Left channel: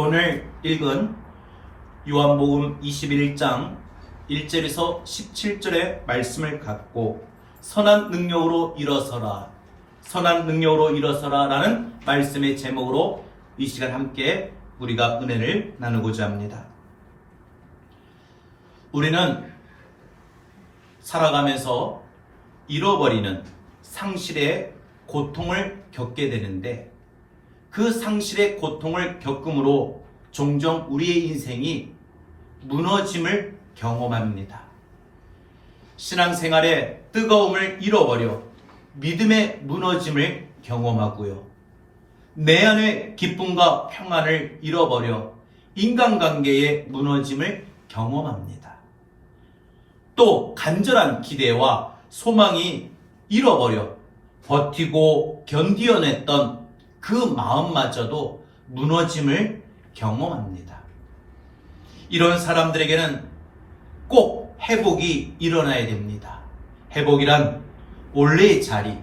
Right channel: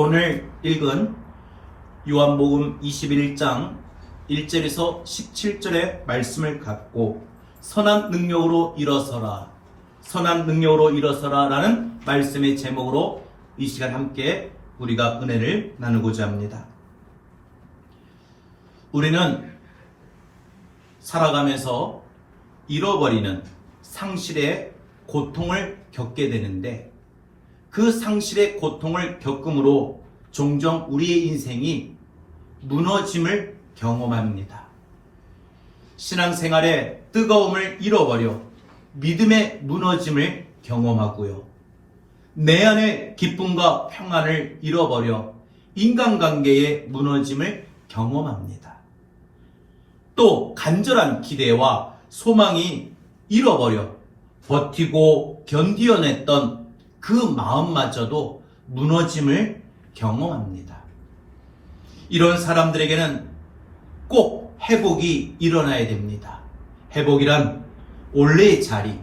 오늘 읽은 요한복음 21장 1절에서 17절의 말씀을 갖고 선한 능력으로 일어서라, 선한 능력으로 일어서라 라는 말씀의 제목으로 이 시간 함께 우리가 은혜를 나누고자 합니다. 우리는 살아가면서 잃어버리는 상실의 고통을 겪게 되는데, 그 상실의 고통을 겪음으로 종종 우리의 인생이 무너짐을 경험합니다. 신앙생활의 뜨거움을 잃어버려 믿음의 무너짐을 경험하고요. 내 안의 기쁨과 평안을 잃어버려 인간관계의 무너짐을 경험합니다. 또 간절한 기대와 소망이 잃어버려 버티고 견디어냈던 그 마음마저도 무너짐을 경험합니다. 이런 사람들에게는 꼭 회복이 일어나야 됩니다. 회복이란 원래의 자리,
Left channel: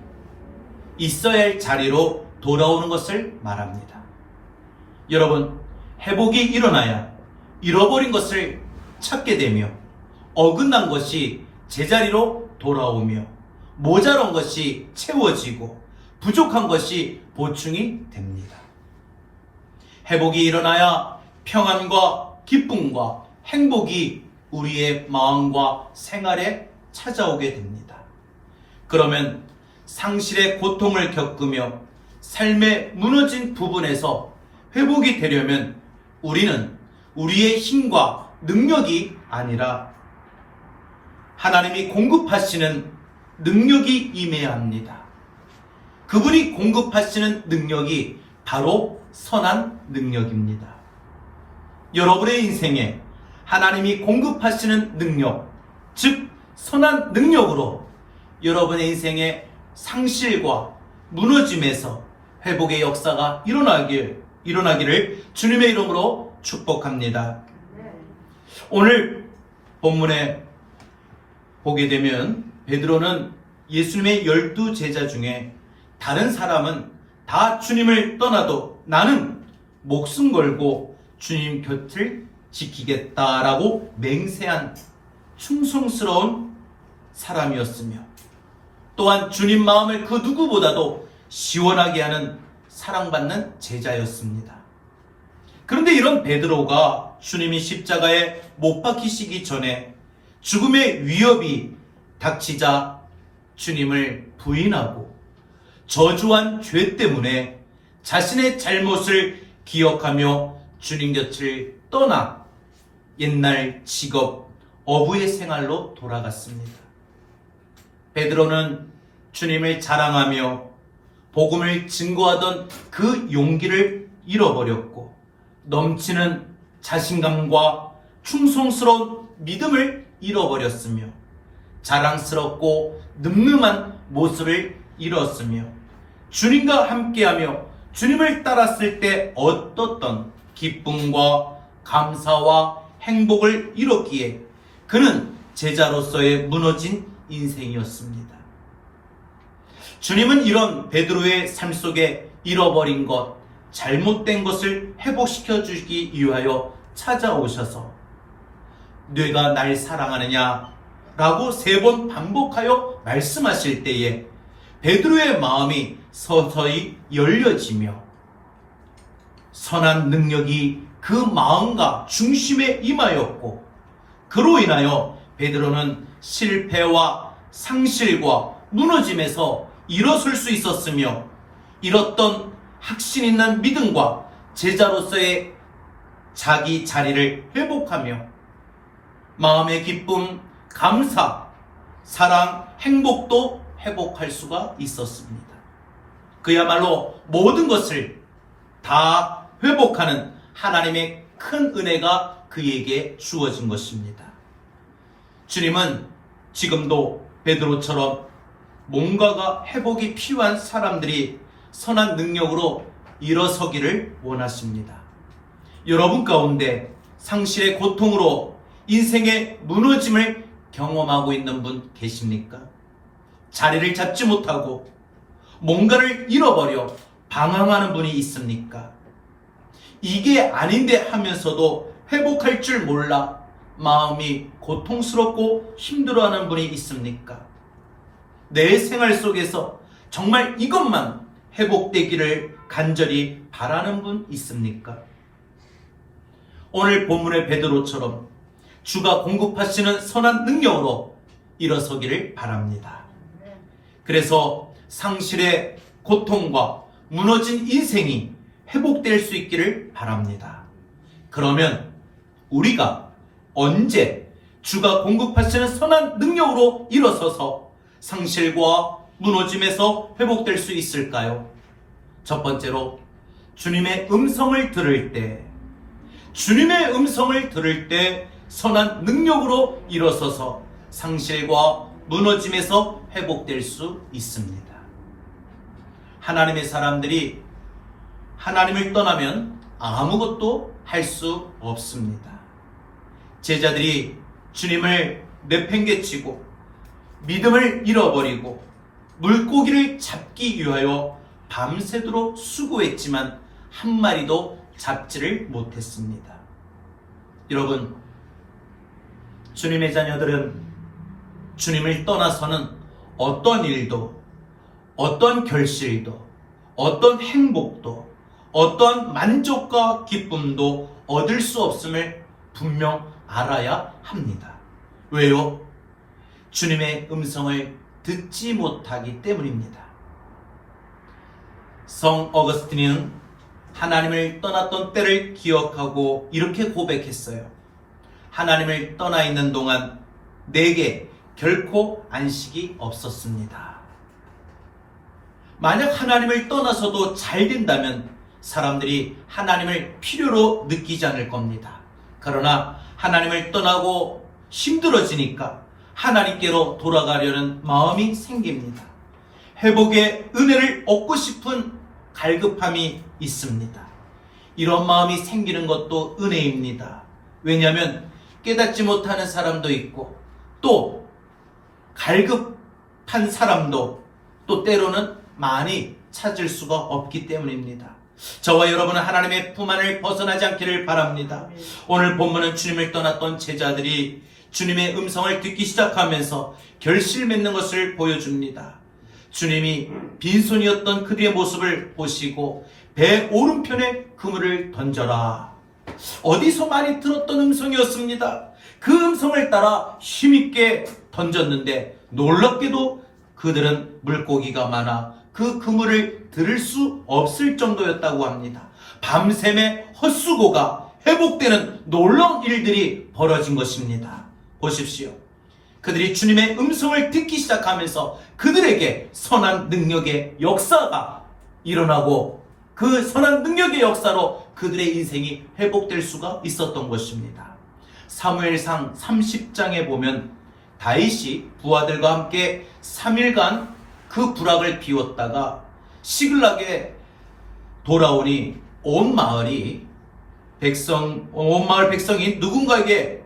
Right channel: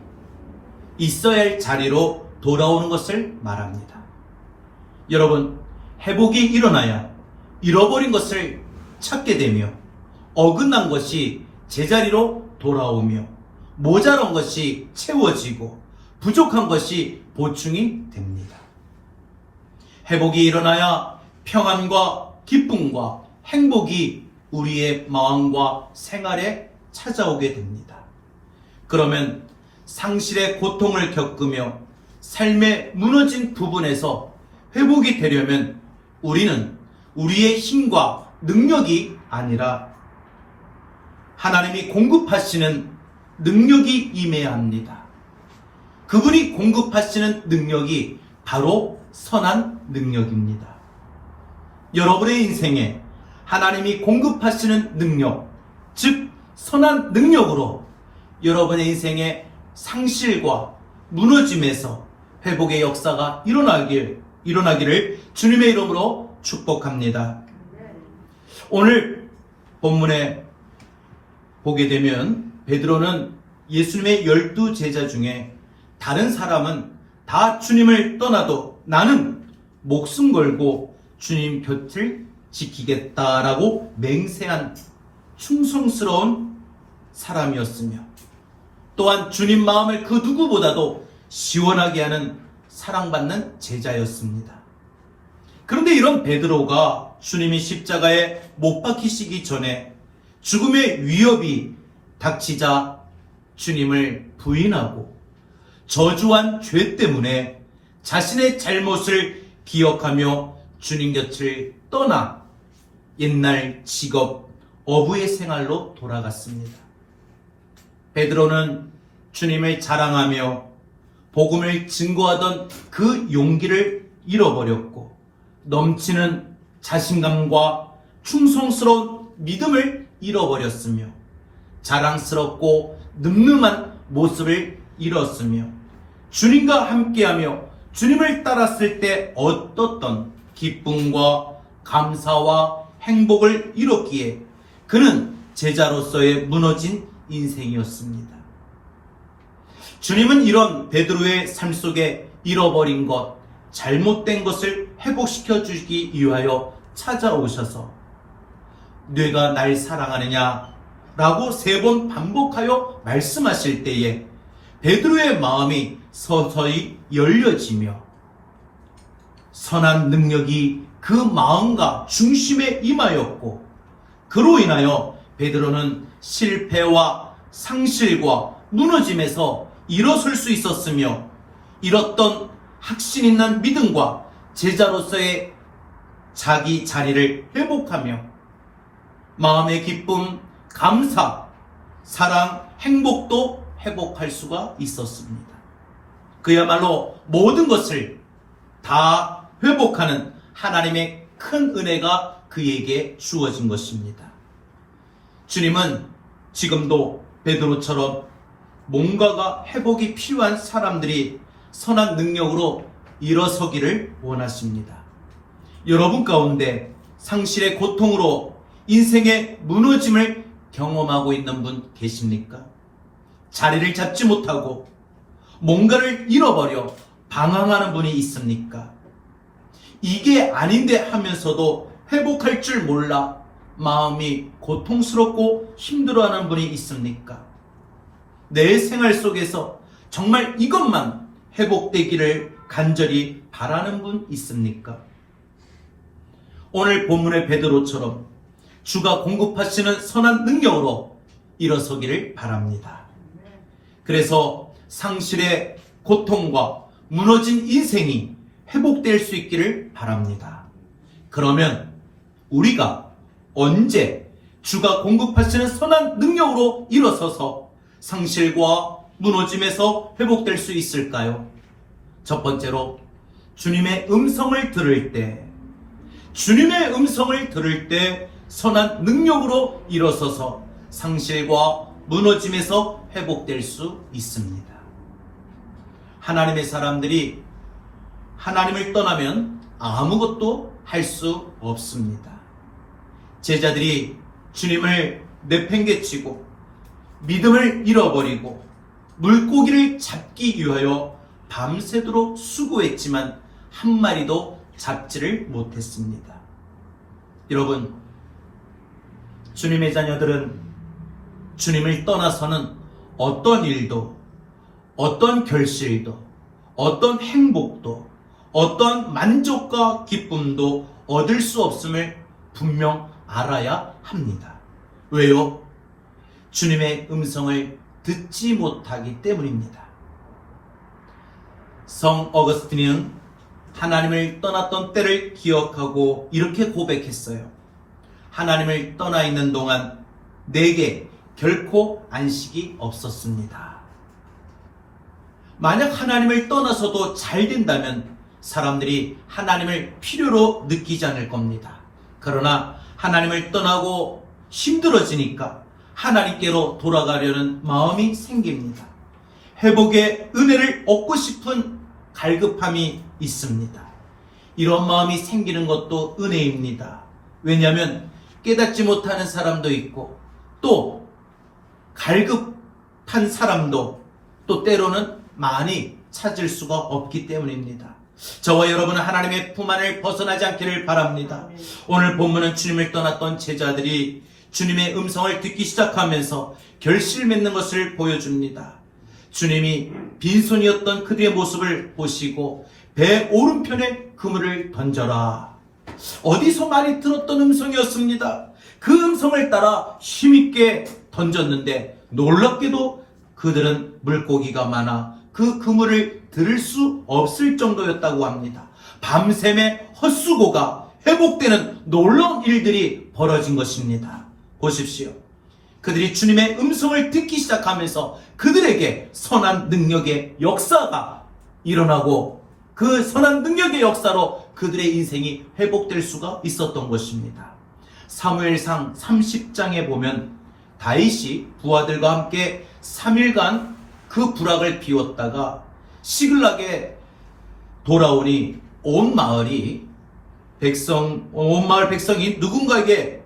있어야 할 자리로 돌아오는 것을 말합니다. 여러분, 회복이 일어나야 잃어버린 것을 찾게 되며, 어긋난 것이 제자리로 돌아오며, 모자란 것이 채워지고 부족한 것이 보충이 됩니다. 회복이 일어나야 평안과 기쁨과 행복이 우리의 마음과 생활에 찾아오게 됩니다. 그러면 상실의 고통을 겪으며 삶의 무너진 부분에서 회복이 되려면 우리는 우리의 힘과 능력이 아니라 하나님이 공급하시는 능력이 임해야 합니다. 그분이 공급하시는 능력이 바로 선한 능력입니다. 여러분의 인생에 하나님이 공급하시는 능력, 즉 선한 능력으로 여러분의 인생의 상실과 무너짐에서 회복의 역사가 일어나기를 주님의 이름으로 축복합니다. 오늘 본문에 보게 되면 베드로는 예수님의 12제자 중에 다른 사람은 다 주님을 떠나도 나는 목숨 걸고 주님 곁을 지키겠다라고 맹세한 충성스러운 사람이었으며, 또한 주님 마음을 그 누구보다도 시원하게 하는 사랑받는 제자였습니다. 그런데 이런 베드로가 주님이 십자가에 못 박히시기 전에 죽음의 위협이 닥치자 주님을 부인하고 저주한 죄 때문에 자신의 잘못을 기억하며 주님 곁을 떠나 옛날 직업, 어부의 생활로 돌아갔습니다. 베드로는 주님을 자랑하며 복음을 증거하던 그 용기를 잃어버렸고, 넘치는 자신감과 충성스러운 믿음을 잃어버렸으며, 자랑스럽고 늠름한 모습을 잃었으며, 주님과 함께하며 주님을 따랐을 때 얻었던 기쁨과 감사와 행복을 잃었기에 그는 제자로서의 무너진 인생이었습니다. 주님은 이런 베드로의 삶 속에 잃어버린 것, 잘못된 것을 회복시켜 주기 위하여 찾아오셔서 네가 날 사랑하느냐 라고 3번 반복하여 말씀하실 때에 베드로의 마음이 서서히 열려지며 선한 능력이 그 마음과 중심에 임하였고, 그로 인하여 베드로는 실패와 상실과 무너짐에서 일어설 수 있었으며, 잃었던 확신 있는 믿음과 제자로서의 자기 자리를 회복하며 마음의 기쁨, 감사, 사랑, 행복도 회복할 수가 있었습니다. 그야말로 모든 것을 다 회복하는 하나님의 큰 은혜가 그에게 주어진 것입니다. 주님은 지금도 베드로처럼 뭔가가 회복이 필요한 사람들이 선한 능력으로 일어서기를 원하십니다. 여러분 가운데 상실의 고통으로 인생의 무너짐을 경험하고 있는 분 계십니까? 자리를 잡지 못하고 뭔가를 잃어버려 방황하는 분이 있습니까? 이게 아닌데 하면서도 회복할 줄 몰라 마음이 고통스럽고 힘들어하는 분이 있습니까? 내 생활 속에서 정말 이것만 회복되기를 간절히 바라는 분 있습니까? 오늘 본문의 베드로처럼 주가 공급하시는 선한 능력으로 일어서기를 바랍니다. 그래서 상실의 고통과 무너진 인생이 회복될 수 있기를 바랍니다. 그러면 우리가 언제 주가 공급하시는 선한 능력으로 일어서서 상실과 무너짐에서 회복될 수 있을까요? 첫 번째로 주님의 음성을 들을 때, 주님의 음성을 들을 때 선한 능력으로 일어서서 상실과 무너짐에서 회복될 수 있습니다. 하나님의 사람들이 하나님을 떠나면 아무것도 할 수 없습니다. 제자들이 주님을 내팽개치고 믿음을 잃어버리고 물고기를 잡기 위하여 밤새도록 수고했지만 한 마리도 잡지를 못했습니다. 여러분, 주님의 자녀들은 주님을 떠나서는 어떤 일도, 어떤 결실도, 어떤 행복도, 어떤 만족과 기쁨도 얻을 수 없음을 분명 알아야 합니다. 왜요? 주님의 음성을 듣지 못하기 때문입니다. 성 어거스틴은 하나님을 떠났던 때를 기억하고 이렇게 고백했어요. 하나님을 떠나 있는 동안 내게 결코 안식이 없었습니다. 만약 하나님을 떠나서도 잘 된다면 사람들이 하나님을 필요로 느끼지 않을 겁니다. 그러나 하나님을 떠나고 힘들어지니까 하나님께로 돌아가려는 마음이 생깁니다. 회복의 은혜를 얻고 싶은 갈급함이 있습니다. 이런 마음이 생기는 것도 은혜입니다. 왜냐하면 깨닫지 못하는 사람도 있고 또 갈급한 사람도 또 때로는 많이 찾을 수가 없기 때문입니다. 저와 여러분은 하나님의 품 안을 벗어나지 않기를 바랍니다. 오늘 본문은 주님을 떠났던 제자들이 주님의 음성을 듣기 시작하면서 결실 맺는 것을 보여줍니다. 주님이 빈손이었던 그들의 모습을 보시고 배 오른편에 그물을 던져라. 어디서 많이 들었던 음성이었습니다. 그 음성을 따라 힘있게 던졌는데 놀랍게도 그들은 물고기가 많아 그 그물을 들을 수 없을 정도였다고 합니다. 밤샘의 헛수고가 회복되는 놀라운 일들이 벌어진 것입니다. 보십시오. 그들이 주님의 음성을 듣기 시작하면서 그들에게 선한 능력의 역사가 일어나고 그 선한 능력의 역사로 그들의 인생이 회복될 수가 있었던 것입니다. 사무엘상 30장에 보면 다윗이 부하들과 함께 3일간 그 부락을 비웠다가 시글락에 돌아오니 온 마을 백성이 누군가에게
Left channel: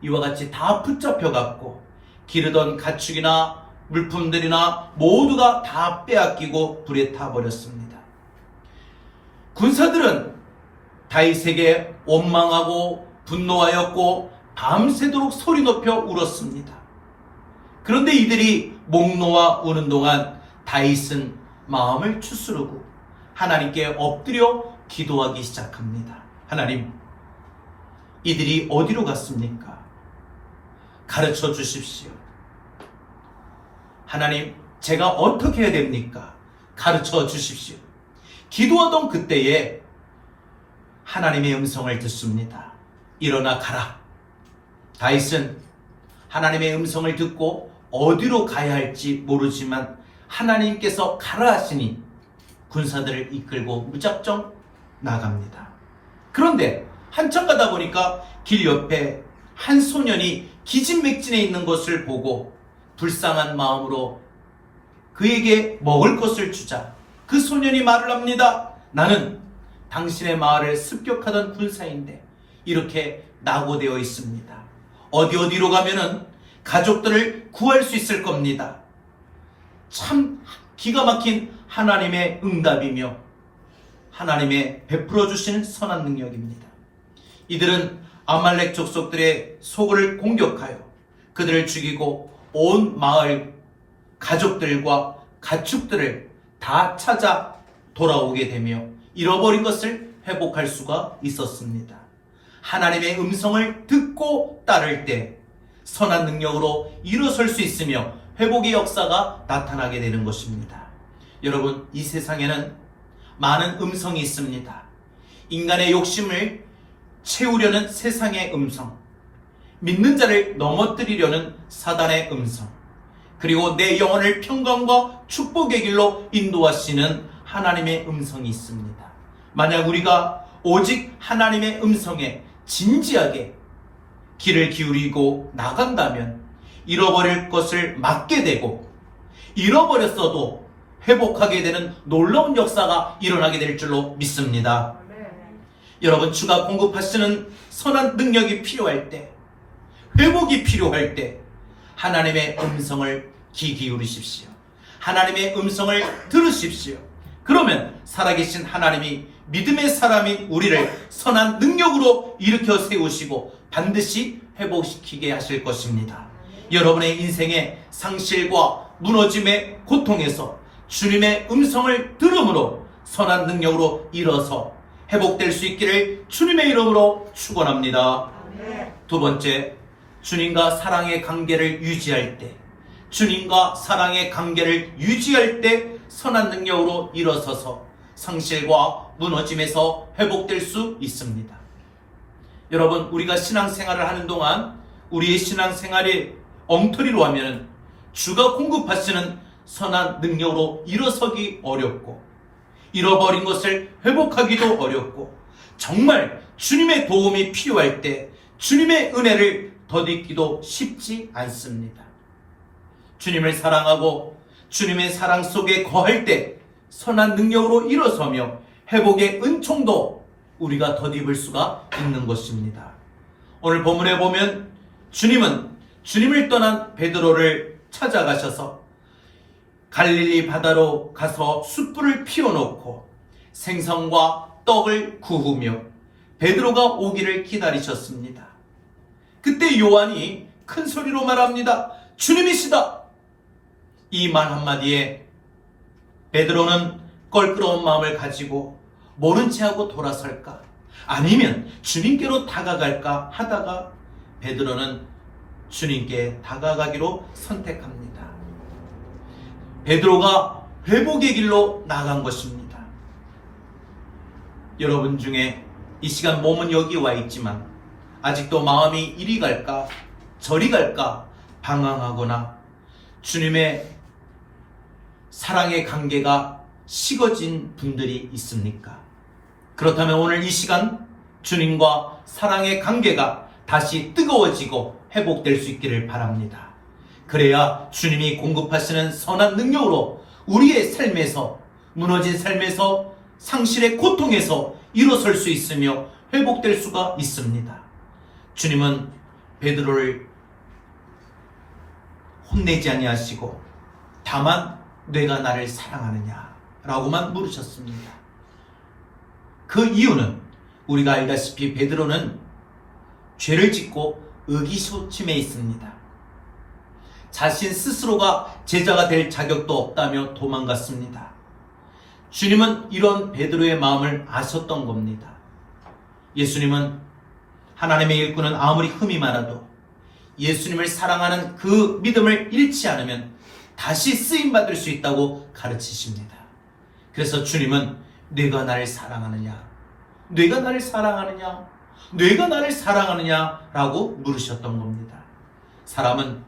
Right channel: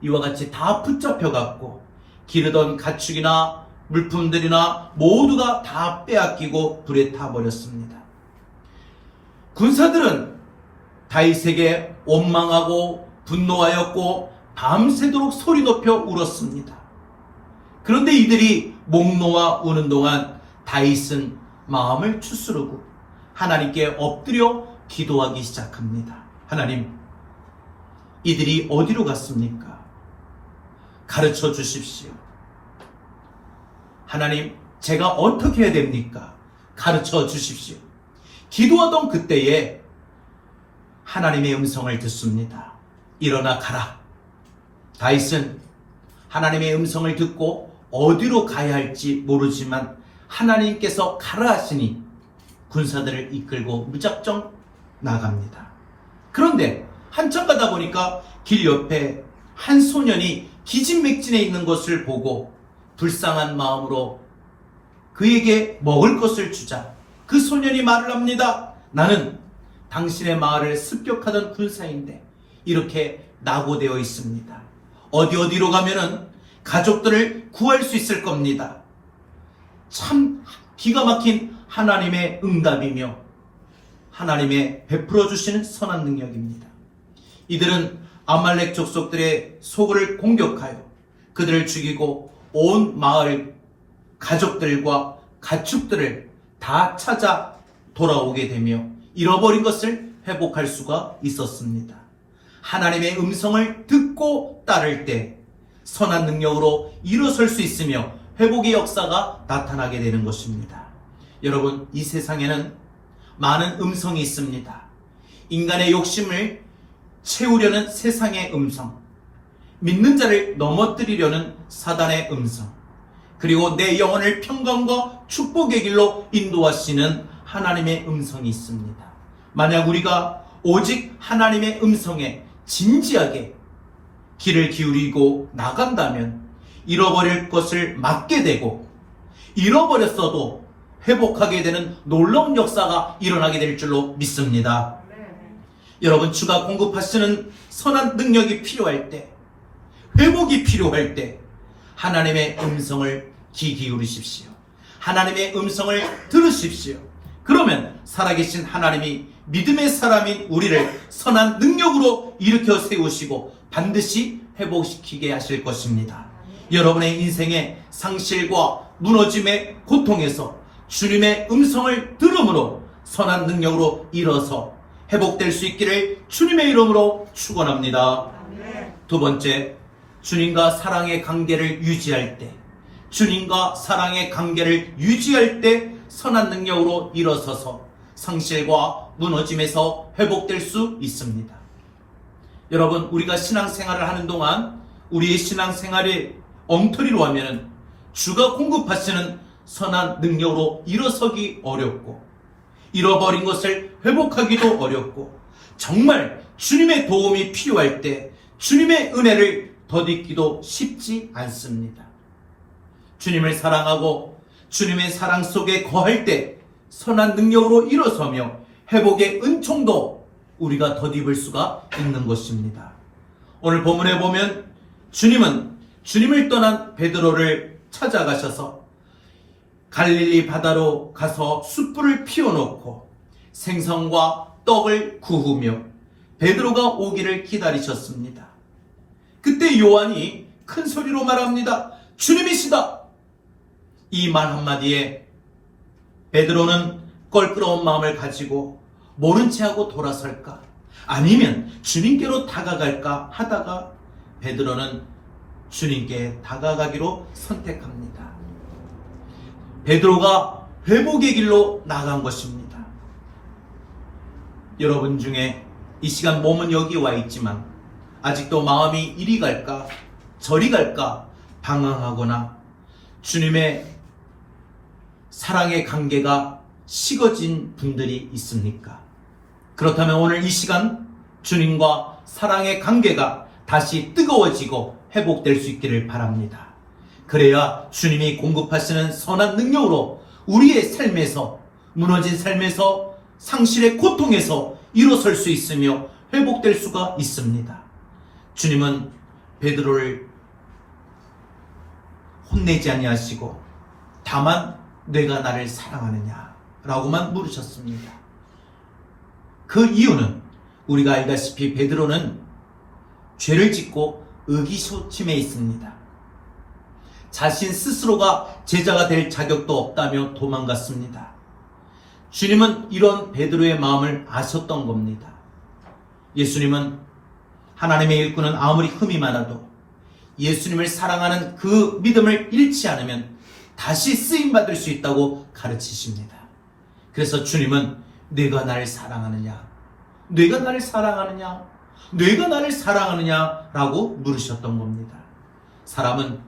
이와 같이 다 붙잡혀갔고 기르던 가축이나 물품들이나 모두가 다 빼앗기고 불에 타버렸습니다. 군사들은 다윗에게 원망하고 분노하였고 밤새도록 소리 높여 울었습니다. 그런데 이들이 목 놓아 우는 동안 다윗은 마음을 추스르고 하나님께 엎드려 기도하기 시작합니다. 하나님, 이들이 어디로 갔습니까? 가르쳐 주십시오. 하나님, 제가 어떻게 해야 됩니까? 가르쳐 주십시오. 기도하던 그때에 하나님의 음성을 듣습니다. 일어나 가라. 다윗은 하나님의 음성을 듣고 어디로 가야 할지 모르지만 하나님께서 가라 하시니 군사들을 이끌고 무작정 나갑니다. 그런데 한참 가다 보니까 길 옆에 한 소년이 기진맥진해 있는 것을 보고 불쌍한 마음으로 그에게 먹을 것을 주자 그 소년이 말을 합니다. 나는 당신의 마을을 습격하던 군사인데 이렇게 낙오되어 있습니다. 어디로 가면은 가족들을 구할 수 있을 겁니다. 참 기가 막힌 하나님의 응답이며 하나님의 베풀어 주시는 선한 능력입니다. 이들은 아말렉 족속들의 소굴을 공격하여 그들을 죽이고 온 마을 가족들과 가축들을 다 찾아 돌아오게 되며 잃어버린 것을 회복할 수가 있었습니다. 하나님의 음성을 듣고 따를 때 선한 능력으로 일어설 수 있으며 회복의 역사가 나타나게 되는 것입니다. 여러분, 이 세상에는 많은 음성이 있습니다. 인간의 욕심을 채우려는 세상의 음성, 믿는 자를 넘어뜨리려는 사단의 음성, 그리고 내 영혼을 평강과 축복의 길로 인도하시는 하나님의 음성이 있습니다. 만약 우리가 오직 하나님의 음성에 진지하게 귀를 기울이고 나간다면 잃어버릴 것을 막게 되고 잃어버렸어도 회복하게 되는 놀라운 역사가 일어나게 될 줄로 믿습니다. 여러분, 주가 공급하시는 선한 능력이 필요할 때, 회복이 필요할 때 하나님의 음성을 귀 기울이십시오. 하나님의 음성을 들으십시오. 그러면 살아계신 하나님이 믿음의 사람인 우리를 선한 능력으로 일으켜 세우시고 반드시 회복시키게 하실 것입니다. 여러분의 인생의 상실과 무너짐의 고통에서 주님의 음성을 들음으로 선한 능력으로 일어서 회복될 수 있기를 주님의 이름으로 축원합니다. 두 번째, 주님과 사랑의 관계를 유지할 때, 주님과 사랑의 관계를 유지할 때 선한 능력으로 일어서서 상실과 무너짐에서 회복될 수 있습니다. 여러분, 우리가 신앙생활을 하는 동안 우리의 신앙생활이 엉터리로 하면 주가 공급하시는 선한 능력으로 일어서기 어렵고 잃어버린 것을 회복하기도 어렵고 정말 주님의 도움이 필요할 때 주님의 은혜를 덧입기도 쉽지 않습니다. 주님을 사랑하고 주님의 사랑 속에 거할 때 선한 능력으로 일어서며 회복의 은총도 우리가 덧입을 수가 있는 것입니다. 오늘 본문에 보면 주님은 주님을 떠난 베드로를 찾아가셔서 갈릴리 바다로 가서 숯불을 피워놓고 생선과 떡을 구우며 베드로가 오기를 기다리셨습니다. 그때 요한이 큰 소리로 말합니다. 주님이시다. 이 말 한마디에 베드로는 껄끄러운 마음을 가지고 모른 채 하고 돌아설까? 아니면 주님께로 다가갈까 하다가 베드로는 주님께 다가가기로 선택합니다. 베드로가 회복의 길로 나간 것입니다. 여러분 중에 이 시간 몸은 여기 와 있지만 아직도 마음이 이리 갈까 저리 갈까 방황하거나 주님의 사랑의 관계가 식어진 분들이 있습니까? 그렇다면 오늘 이 시간 주님과 사랑의 관계가 다시 뜨거워지고 회복될 수 있기를 바랍니다. 그래야 주님이 공급하시는 선한 능력으로 우리의 삶에서 무너진 삶에서 상실의 고통에서 일어설 수 있으며 회복될 수가 있습니다. 주님은 베드로를 혼내지 아니하시고 다만 내가 나를 사랑하느냐 라고만 물으셨습니다. 그 이유는 우리가 알다시피 베드로는 죄를 짓고 의기소침해 있습니다. 자신 스스로가 제자가 될 자격도 없다며 도망갔습니다. 주님은 이런 베드로의 마음을 아셨던 겁니다. 예수님은 하나님의 일꾼은 아무리 흠이 많아도 예수님을 사랑하는 그 믿음을 잃지 않으면 다시 쓰임받을 수 있다고 가르치십니다. 그래서 주님은 네가 나를 사랑하느냐? 네가 나를 사랑하느냐? 네가 나를 사랑하느냐? 라고 물으셨던 겁니다. 사람은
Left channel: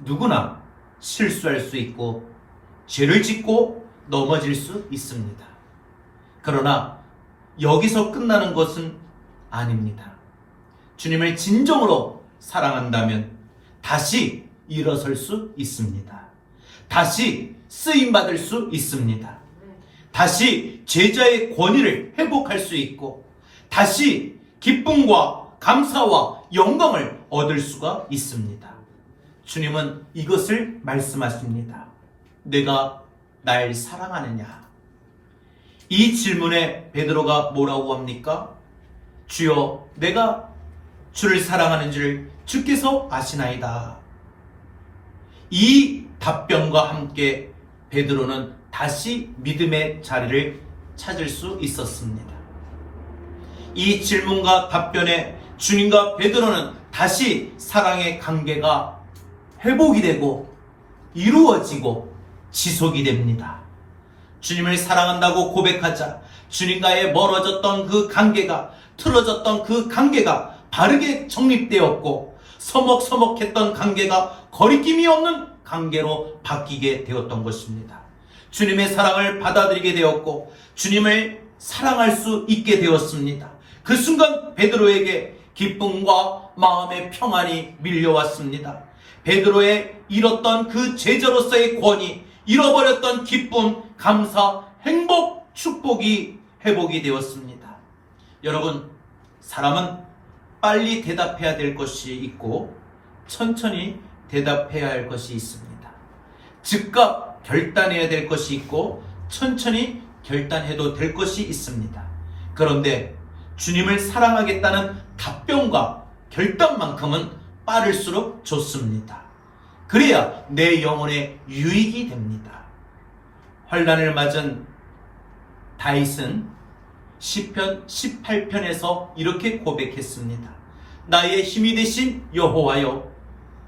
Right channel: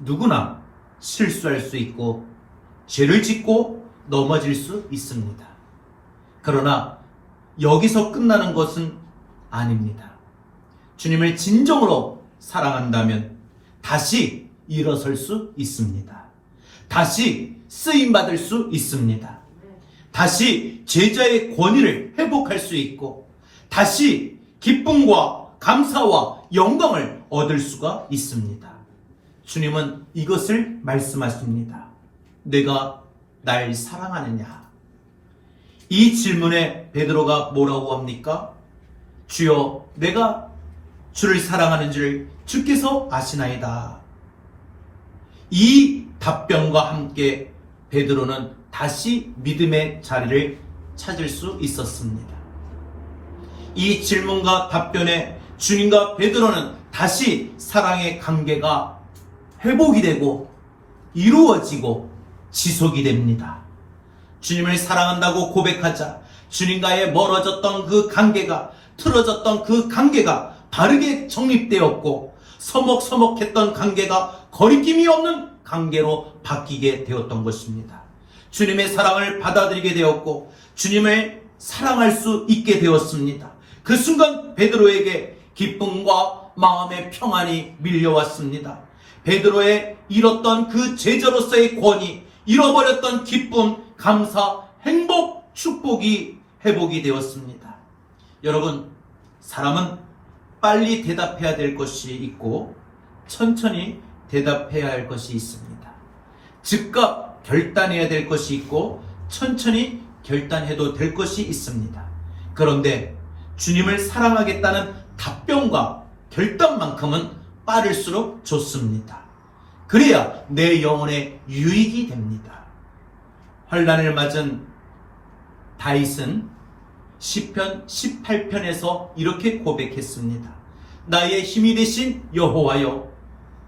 누구나 실수할 수 있고 죄를 짓고 넘어질 수 있습니다. 그러나 여기서 끝나는 것은 아닙니다. 주님을 진정으로 사랑한다면 다시 일어설 수 있습니다. 다시 쓰임받을 수 있습니다. 다시 제자의 권위를 회복할 수 있고 다시 기쁨과 감사와 영광을 얻을 수가 있습니다. 주님은 이것을 말씀하십니다. 내가 날 사랑하느냐? 이 질문에 베드로가 뭐라고 합니까? 주여, 내가 주를 사랑하는 줄 주께서 아시나이다. 이 답변과 함께 베드로는 다시 믿음의 자리를 찾을 수 있었습니다. 이 질문과 답변에 주님과 베드로는 다시 사랑의 관계가 회복이 되고 이루어지고 지속이 됩니다. 주님을 사랑한다고 고백하자 주님과의 멀어졌던 그 관계가, 틀어졌던 그 관계가 바르게 정립되었고, 서먹서먹했던 관계가 거리낌이 없는 관계로 바뀌게 되었던 것입니다. 주님의 사랑을 받아들이게 되었고 주님을 사랑할 수 있게 되었습니다. 그 순간 베드로에게 기쁨과 마음의 평안이 밀려왔습니다. 베드로의 잃었던 그 제자로서의 권위, 잃어버렸던 기쁨, 감사, 행복, 축복이 회복이 되었습니다. 여러분, 사람은 빨리 대답해야 될 것이 있고 천천히 대답해야 할 것이 있습니다. 즉각 결단해야 될 것이 있고 천천히 결단해도 될 것이 있습니다. 그런데 주님을 사랑하겠다는 답변과 결단만큼은 빠를수록 좋습니다. 그래야 내 영혼에 유익이 됩니다. 환난을 맞은 다윗은 시편 18편에서 이렇게 고백했습니다. 나의 힘이 되신 여호와여,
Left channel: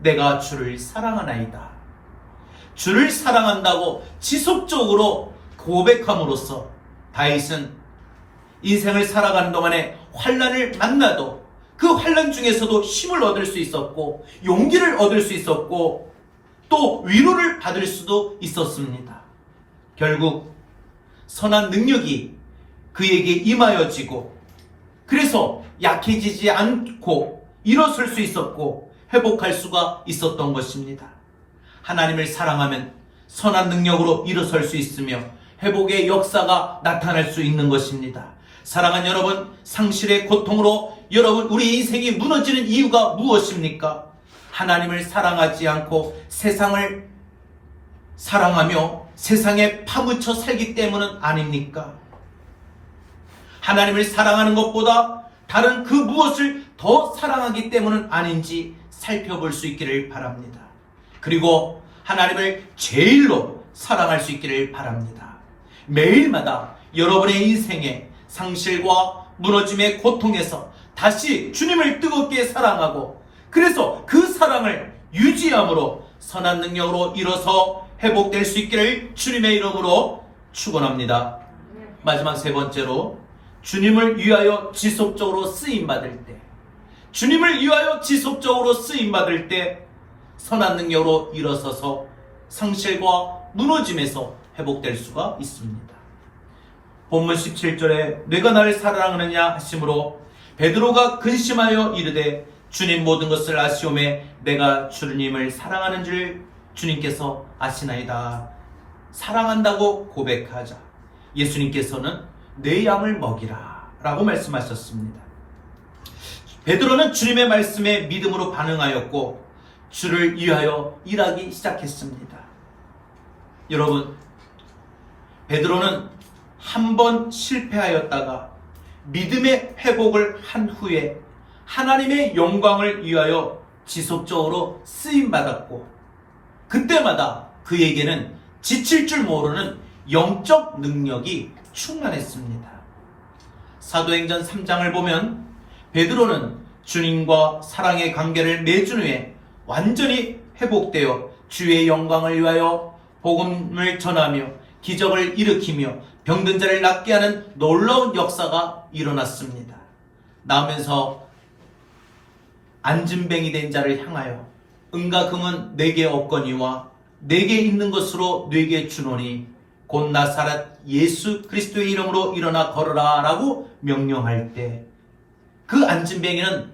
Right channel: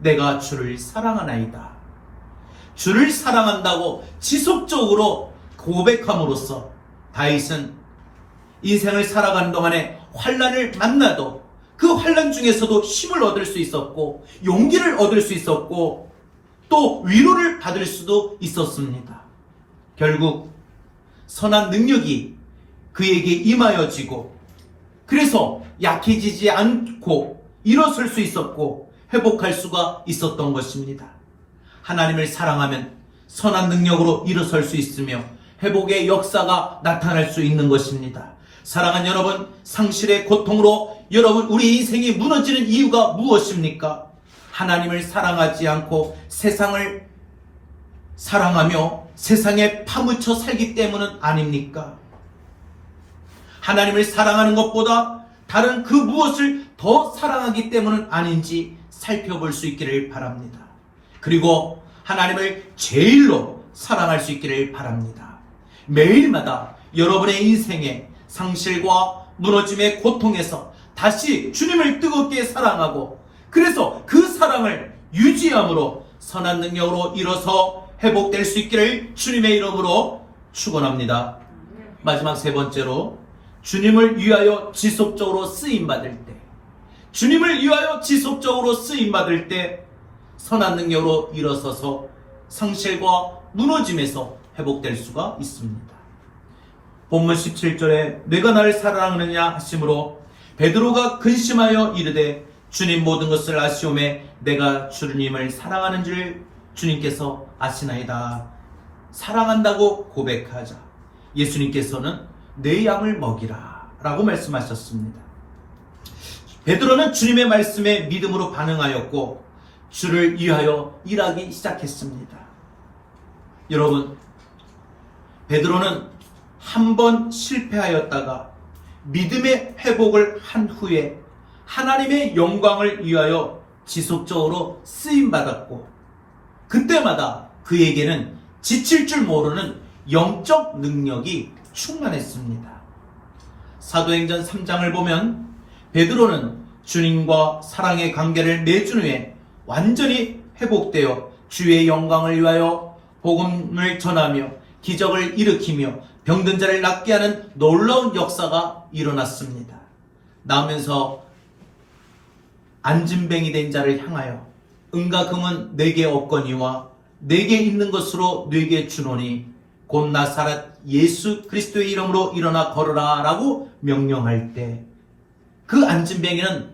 내가 주를 사랑하나이다. 주를 사랑한다고 지속적으로 고백함으로써 다윗은 인생을 살아가는 동안에 환난을 만나도 그 환난 중에서도 힘을 얻을 수 있었고 용기를 얻을 수 있었고 또 위로를 받을 수도 있었습니다. 결국 선한 능력이 그에게 임하여지고 그래서 약해지지 않고 일어설 수 있었고 회복할 수가 있었던 것입니다. 하나님을 사랑하면 선한 능력으로 일어설 수 있으며 회복의 역사가 나타날 수 있는 것입니다. 사랑하는 여러분, 상실의 고통으로 여러분 우리 인생이 무너지는 이유가 무엇입니까? 하나님을 사랑하지 않고 세상을 사랑하며 세상에 파묻혀 살기 때문은 아닙니까? 하나님을 사랑하는 것보다 다른 그 무엇을 더 사랑하기 때문은 아닌지 살펴볼 수 있기를 바랍니다. 그리고 하나님을 제일로 사랑할 수 있기를 바랍니다. 매일마다 여러분의 인생에 상실과 무너짐의 고통에서 다시 주님을 뜨겁게 사랑하고 그래서 그 사랑을 유지함으로 선한 능력으로 일어서 회복될 수 있기를 주님의 이름으로 축원합니다. 마지막 세 번째로 주님을 위하여 지속적으로 쓰임받을 때, 주님을 위하여 지속적으로 쓰임받을 때 선한 능력으로 일어서서 상실과 무너짐에서 회복될 수가 있습니다. 본문 17절에 내가 나를 사랑하느냐 하심으로 베드로가 근심하여 이르되 주님 모든 것을 아시오매 내가 주님을 사랑하는 줄 주님께서 아시나이다. 사랑한다고 고백하자 예수님께서는 내 양을 먹이라 라고 말씀하셨습니다. 베드로는 주님의 말씀에 믿음으로 반응하였고 주를 위하여 일하기 시작했습니다. 여러분, 베드로는 한 번 실패하였다가 믿음의 회복을 한 후에 하나님의 영광을 위하여 지속적으로 쓰임받았고 그때마다 그에게는 지칠 줄 모르는 영적 능력이 충만했습니다. 사도행전 3장을 보면 베드로는 주님과 사랑의 관계를 맺은 후에 완전히 회복되어 주의 영광을 위하여 복음을 전하며 기적을 일으키며 병든 자를 낫게 하는 놀라운 역사가 일어났습니다. 나오면서 안진뱅이 된 자를 향하여 은과 금은 내게 없거니와 내게 있는 것으로 내게 주노니 곧 나사렛 예수 그리스도의 이름으로 일어나 걸어라 라고 명령할 때 그 안진뱅이는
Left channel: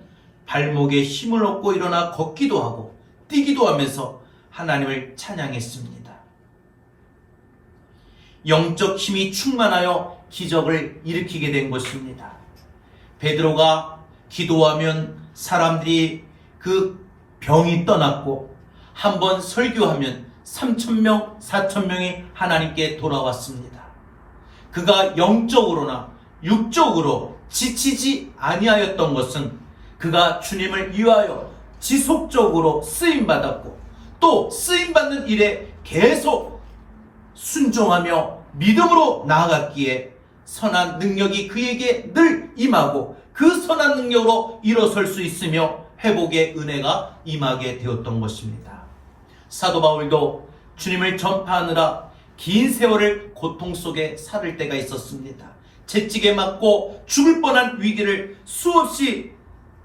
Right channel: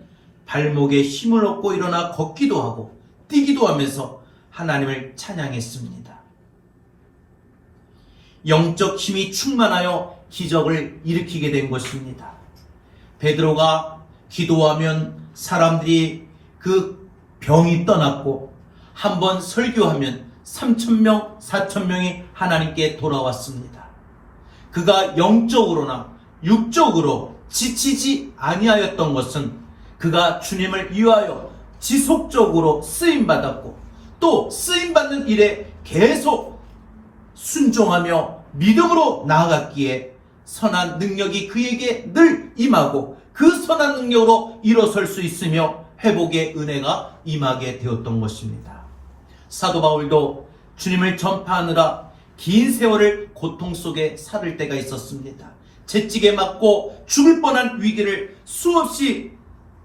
발목에 힘을 얻고 일어나 걷기도 하고 뛰기도 하면서 하나님을 찬양했습니다. 영적 힘이 충만하여 기적을 일으키게 된 것입니다. 베드로가 기도하면 사람들이 그 병이 떠났고 한번 설교하면 3,000명, 4,000명이 하나님께 돌아왔습니다. 그가 영적으로나 육적으로 지치지 아니하였던 것은 그가 주님을 위하여 지속적으로 쓰임받았고 또 쓰임받는 일에 계속 순종하며 믿음으로 나아갔기에 선한 능력이 그에게 늘 임하고 그 선한 능력으로 일어설 수 있으며 회복의 은혜가 임하게 되었던 것입니다. 사도 바울도 주님을 전파하느라 긴 세월을 고통 속에 살을 때가 있었습니다. 채찍에 맞고 죽을 뻔한 위기를 수없이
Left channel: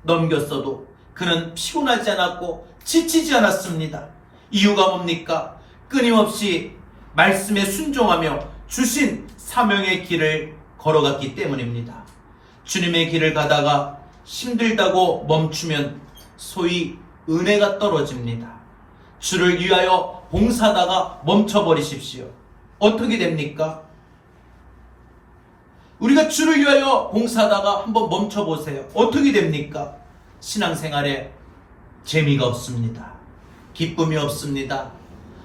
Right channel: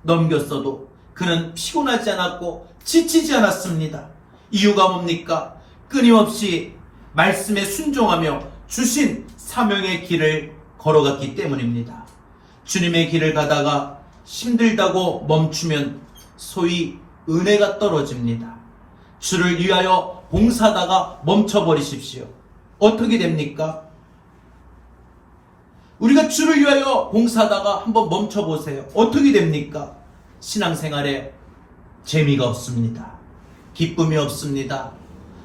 넘겼어도 그는 피곤하지 않았고 지치지 않았습니다. 이유가 뭡니까? 끊임없이 말씀에 순종하며 주신 사명의 길을 걸어갔기 때문입니다. 주님의 길을 가다가 힘들다고 멈추면 소위 은혜가 떨어집니다. 주를 위하여 봉사하다가 멈춰버리십시오. 어떻게 됩니까? 우리가 주를 위하여 봉사하다가 한번 멈춰보세요. 어떻게 됩니까? 신앙생활에 재미가 없습니다. 기쁨이 없습니다.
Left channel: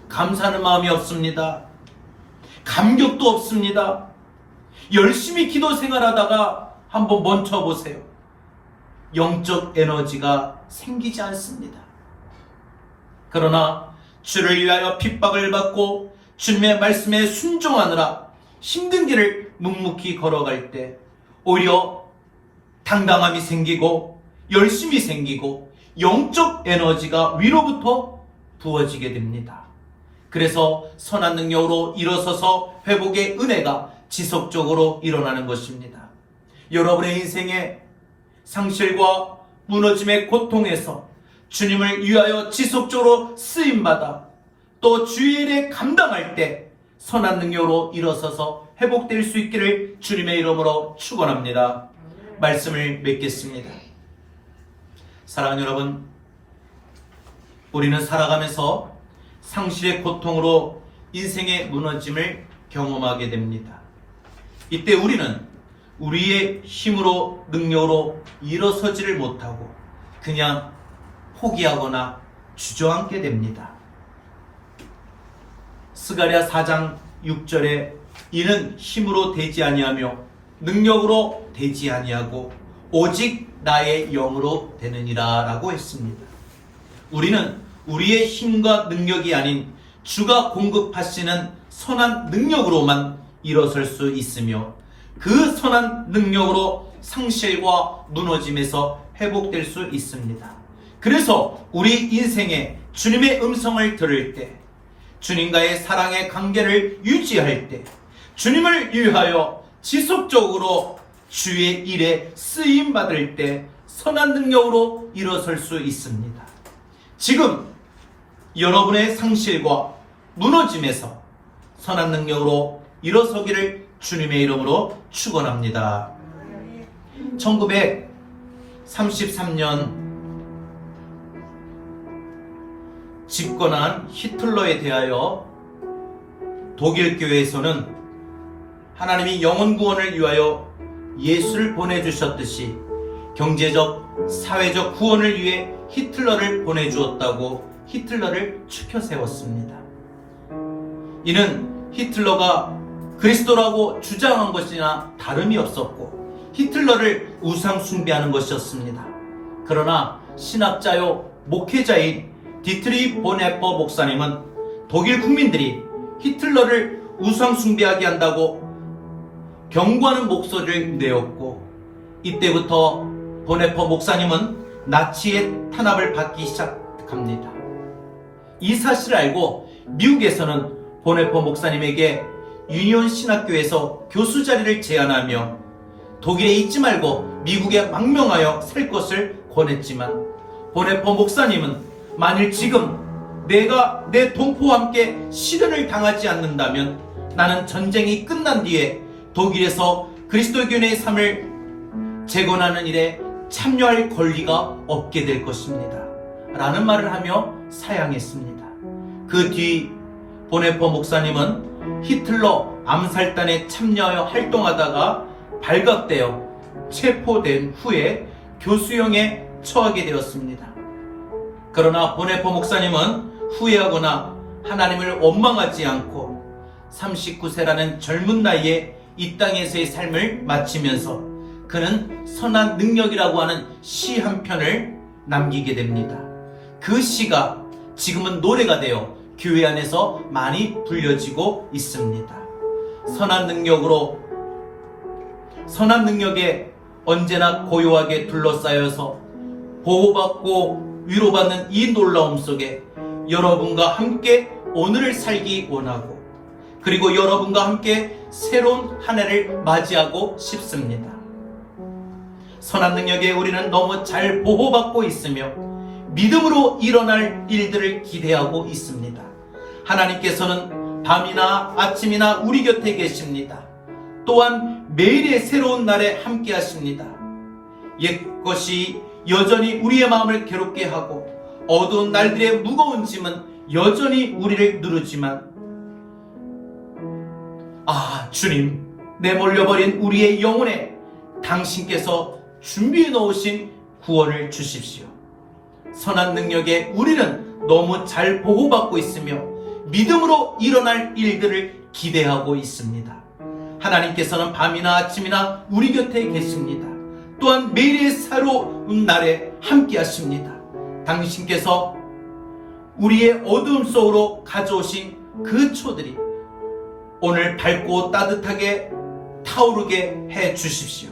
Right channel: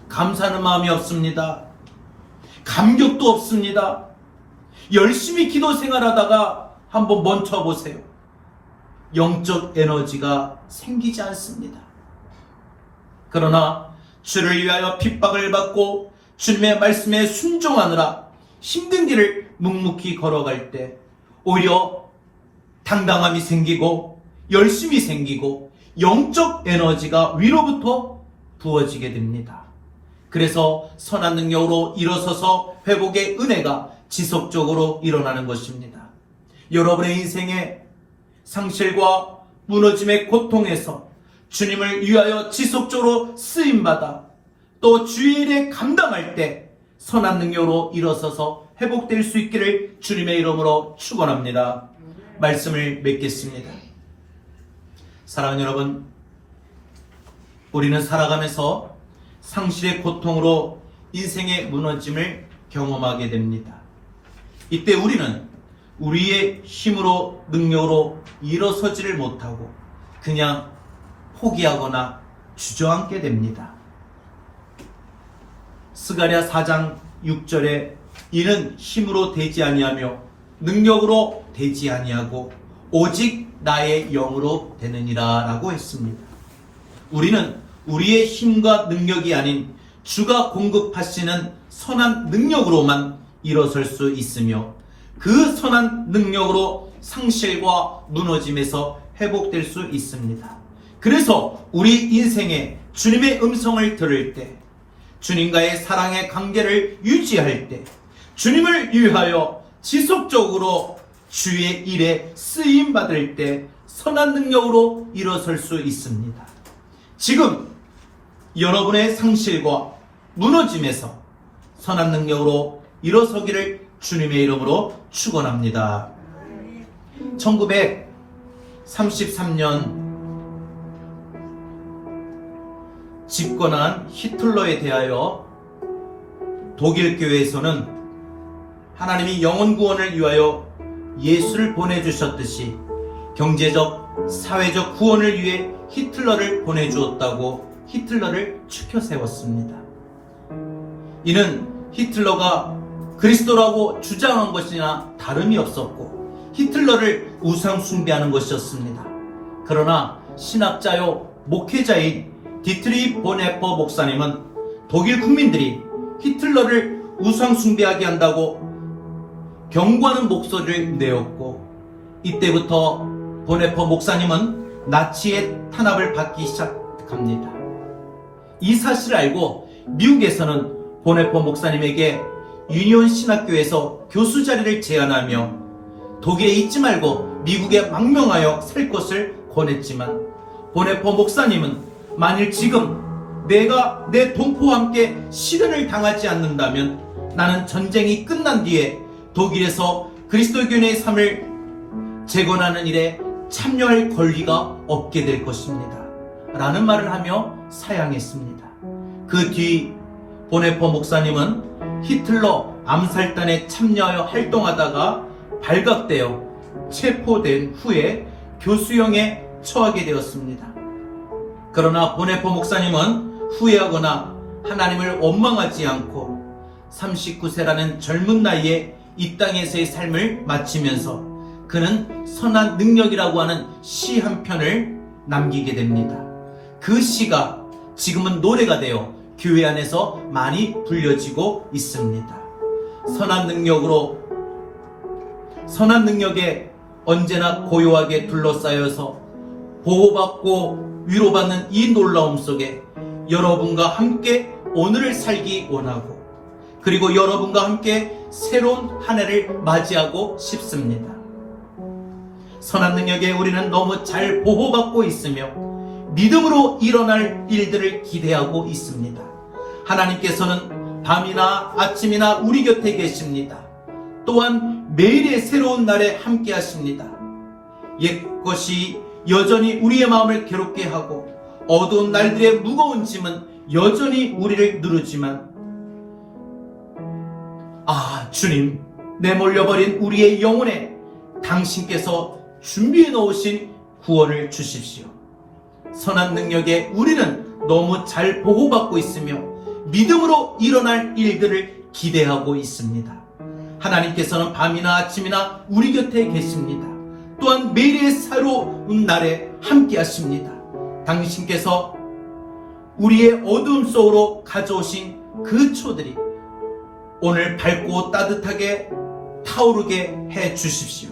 감사하는 마음이 없습니다. 감격도 없습니다. 열심히 기도 생활하다가 한번 멈춰보세요. 영적 에너지가 생기지 않습니다. 그러나 주를 위하여 핍박을 받고 주님의 말씀에 순종하느라 힘든 길을 묵묵히 걸어갈 때 오히려 당당함이 생기고 열심이 생기고 영적 에너지가 위로부터 부어지게 됩니다. 그래서 선한 능력으로 일어서서 회복의 은혜가 지속적으로 일어나는 것입니다. 여러분의 인생에 상실과 무너짐의 고통에서 주님을 위하여 지속적으로 쓰임받아 또 주의 일에 감당할 때 선한 능력으로 일어서서 회복될 수 있기를 주님의 이름으로 축원합니다. 말씀을 맺겠습니다. 사랑하는 여러분, 우리는 살아가면서 상실의 고통으로 인생의 무너짐을 경험하게 됩니다. 이때 우리는 우리의 힘으로 능력으로 일어서지를 못하고 그냥 포기하거나 주저앉게 됩니다. 스가랴 4장 6절에 이는 힘으로 되지 아니하며 능력으로 되지 아니하고 오직 나의 영으로 되느니라 라고 했습니다. 우리는 우리의 힘과 능력이 아닌 주가 공급하시는 선한 능력으로만 일어설 수 있으며 그 선한 능력으로 상실과 무너짐에서 회복될 수 있습니다. 그래서 우리 인생에 주님의 음성을 들을 때, 주님과의 사랑의 관계를 유지할 때, 주님을 위하여 지속적으로 주의 일에 쓰임받을 때 선한 능력으로 일어설 수 있습니다. 지금 여러분의 상실과 무너짐에서 선한 능력으로 일어서기를 주님의 이름으로 축원합니다. 1933년 집권한 히틀러에 대하여 독일 교회에서는 하나님이 영혼 구원을 위하여 예수를 보내주셨듯이 경제적, 사회적 구원을 위해 히틀러를 보내주었다고 히틀러를 추켜 세웠습니다. 이는 히틀러가 그리스도라고 주장한 것이나 다름이 없었고 히틀러를 우상 숭배하는 것이었습니다. 그러나 신학자요 목회자인 디트리 보네퍼 목사님은 독일 국민들이 히틀러를 우상 숭배하게 한다고 경고하는 목소리를 내었고 이때부터 보네퍼 목사님은 나치의 탄압을 받기 시작합니다. 이 사실을 알고 미국에서는 보네퍼 목사님에게 유니온 신학교에서 교수 자리를 제안하며 독일에 있지 말고 미국에 망명하여 살 것을 권했지만 보네퍼 목사님은 만일 지금 내가 내 동포와 함께 시련을 당하지 않는다면 나는 전쟁이 끝난 뒤에 독일에서 그리스도교인의 삶을 재건하는 일에 참여할 권리가 없게 될 것입니다. 라는 말을 하며 사양했습니다. 그 뒤 보네퍼 목사님은 히틀러 암살단에 참여하여 활동하다가 발각되어 체포된 후에 교수형에 처하게 되었습니다. 그러나 보네퍼 목사님은 후회하거나 하나님을 원망하지 않고 39세라는 젊은 나이에 이 땅에서의 삶을 마치면서 그는 선한 능력이라고 하는 시 한 편을 남기게 됩니다. 그 시가 지금은 노래가 되어 교회 안에서 많이 불려지고 있습니다. 선한 능력에 언제나 고요하게 둘러싸여서 보호받고 위로받는 이 놀라움 속에 여러분과 함께 오늘을 살기 원하고, 그리고 여러분과 함께 새로운 한 해를 맞이하고 싶습니다. 선한 능력에 우리는 너무 잘 보호받고 있으며 믿음으로 일어날 일들을 기대하고 있습니다. 하나님께서는 밤이나 아침이나 우리 곁에 계십니다. 또한 매일의 새로운 날에 함께 하십니다. 옛것이 여전히 우리의 마음을 괴롭게 하고 어두운 날들의 무거운 짐은 여전히 우리를 누르지만, 주님, 내몰려버린 우리의 영혼에 당신께서 준비해 놓으신 구원을 주십시오. 선한 능력에 우리는 너무 잘 보호받고 있으며 믿음으로 일어날 일들을 기대하고 있습니다. 하나님께서는 밤이나 아침이나 우리 곁에 계십니다. 또한 매일의 새로운 날에 함께 하십니다. 당신께서 우리의 어두움 속으로 가져오신 그 초들이 오늘 밝고 따뜻하게 타오르게 해 주십시오.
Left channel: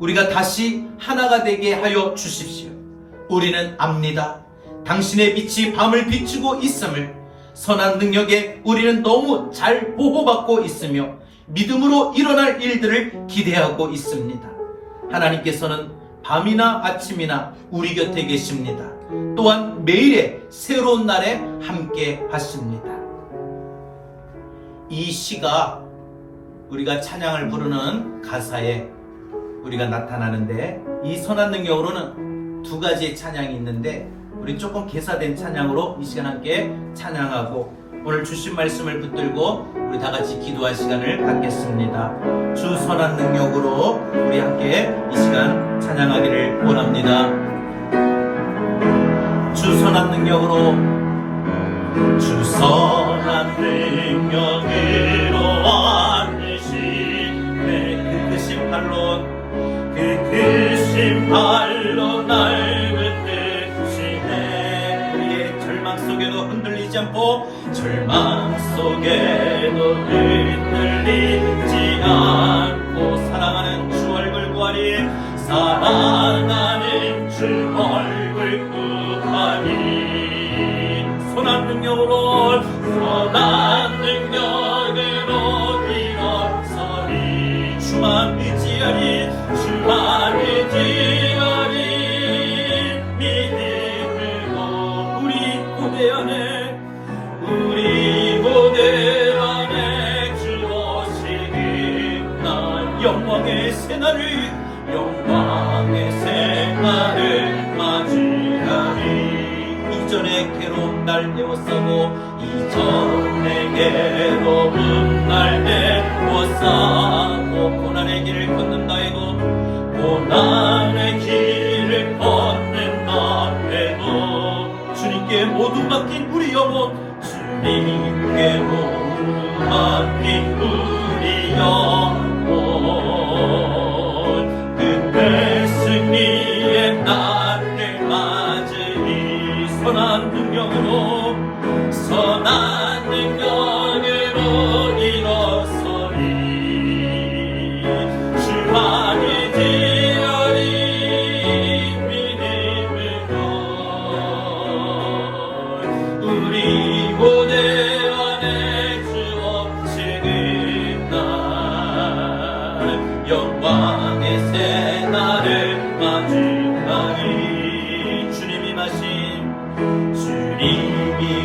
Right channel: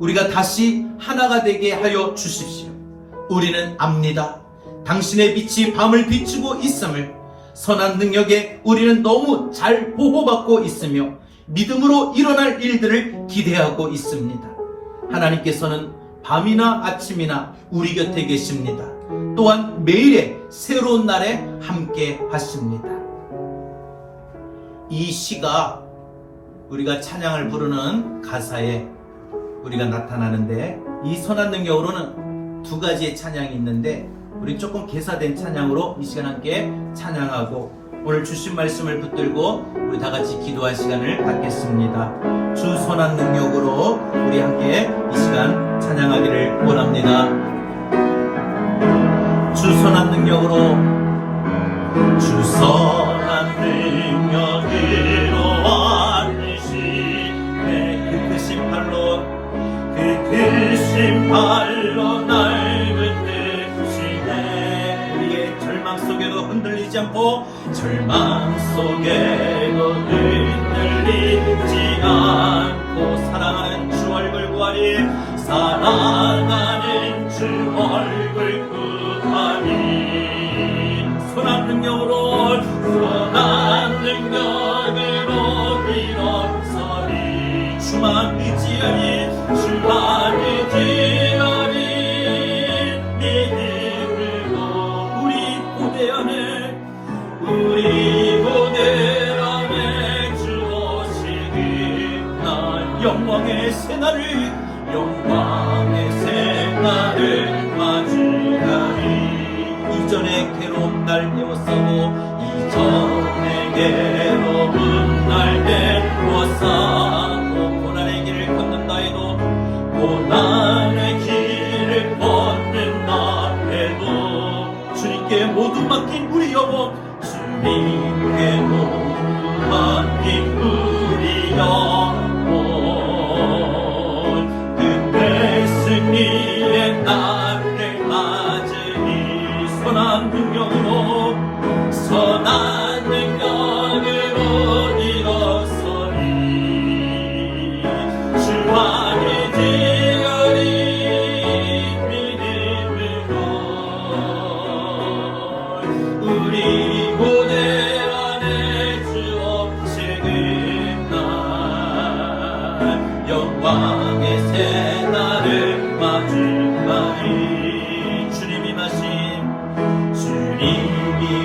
우리가 다시 하나가 되게 하여 주십시오. 우리는 압니다. 당신의 빛이 밤을 비추고 있음을. 선한 능력에 우리는 너무 잘 보호받고 있으며 믿음으로 일어날 일들을 기대하고 있습니다. 하나님께서는 밤이나 아침이나 우리 곁에 계십니다. 또한 매일의 새로운 날에 함께 하십니다. 이 시가 우리가 찬양을 부르는 가사에 우리가 나타나는데, 이 선한 능력으로는 두 가지의 찬양이 있는데 우리 조금 개사된 찬양으로 이 시간 함께 찬양하고 오늘 주신 말씀을 붙들고 우리 다 같이 기도할 시간을 갖겠습니다. 주 선한 능력으로 우리 함께 이 시간 찬양하기를 원합니다. 주 선한 능력으로, 주 선한 능력으로 안으신 그 크신 발로, 그 크신 발로 날 붙드시네. 우리의 절망 속에도 흔들리지 않고, 절망 속에도 흔들리지 않고 사랑하는 주 얼굴 구하리, 사랑하는 주 얼굴 구하리. 선한 능력으로, 선한 능력으로 일어서리. 주만 의지하리, 주만 의지하리. 믿음으로 우리 무대 안에 주 오시는 날, 영광의 새날을 맞이하리. 이전의 괴로운 날 메워싸고, 이전의 괴로운 날 메워싸고, 고난의 길을 걷는다 해도, 고난의 길을 걷는다 해도 주님께 모두 맡긴 우리 영혼, 주님께 모두 맡긴 우리 영혼, 그때 승리의 날을 맞으니 선한 능력으로, 선한 능력으로 일어서리. 주만 의지하리. 믿음으로 우리 무대 안에 주 오시는 날, 영광의 새날을 맞이하리. 주님이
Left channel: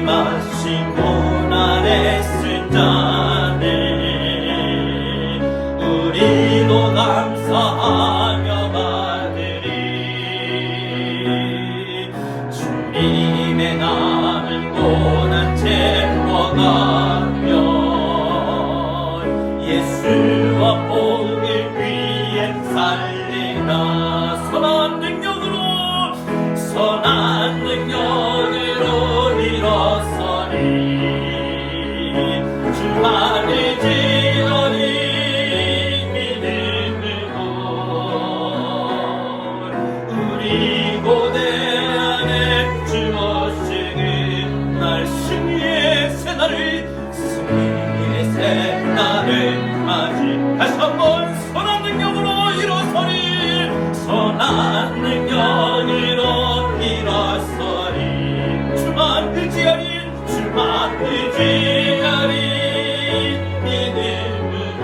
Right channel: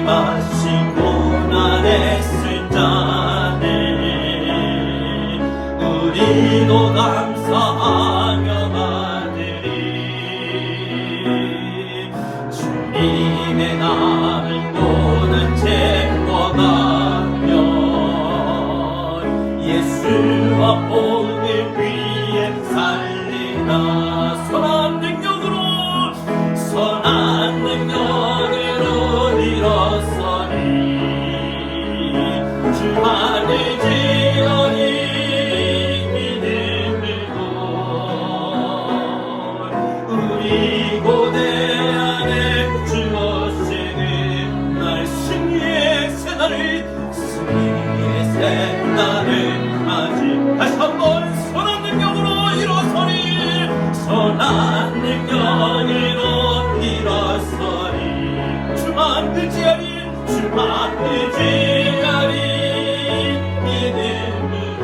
마신 고난의 쓴잔을 우리도 감사하며 받으리. 주님의 남은 고난 채워가면 예수와 복을 위해 살리라. 선한 능력으로 일어서리. 주만 의지하리. 우리 고대 안에 주어지는 날 승리의 새날을 승리의 새날을 맞이 다시 한번 선한 능력으로 일어서리 선한 능력으로 일어서리 주만 의지하리 주만 의지하리 믿음으로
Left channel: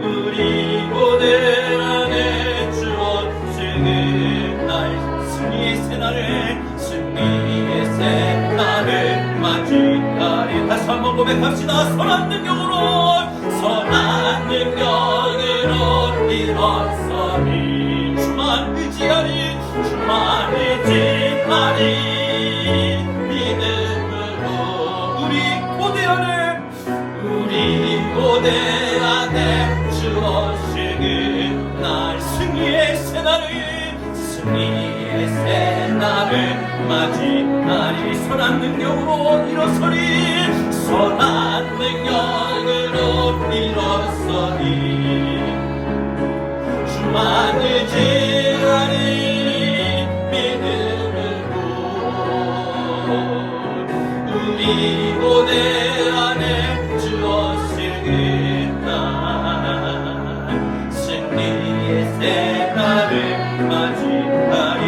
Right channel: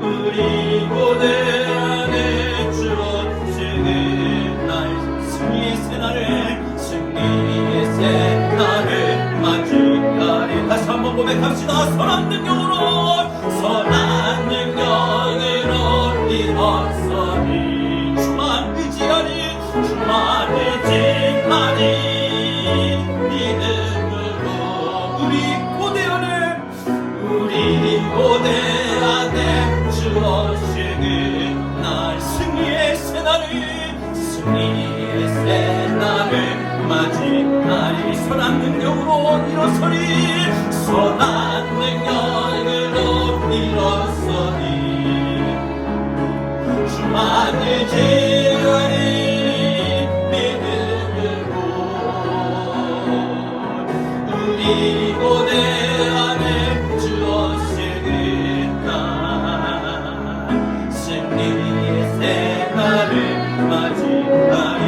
우리 고대 안에 주어지는 날 승리의 새날을 승리의 새날을 맞이하리 다시 한번 고백합시다. 선한 능력으로 일어서리 주만 의지하리 주만 의지하리 믿음으로 우리 고대 안에 주어지는 날 승리의 새날을 맞이하리 선한 능력으로 일어서리 선한 능력으로 일어서리 주만 의지하리 믿음으로 우리 고대 안에 주어지는 날 승리의 새날을 맞이하리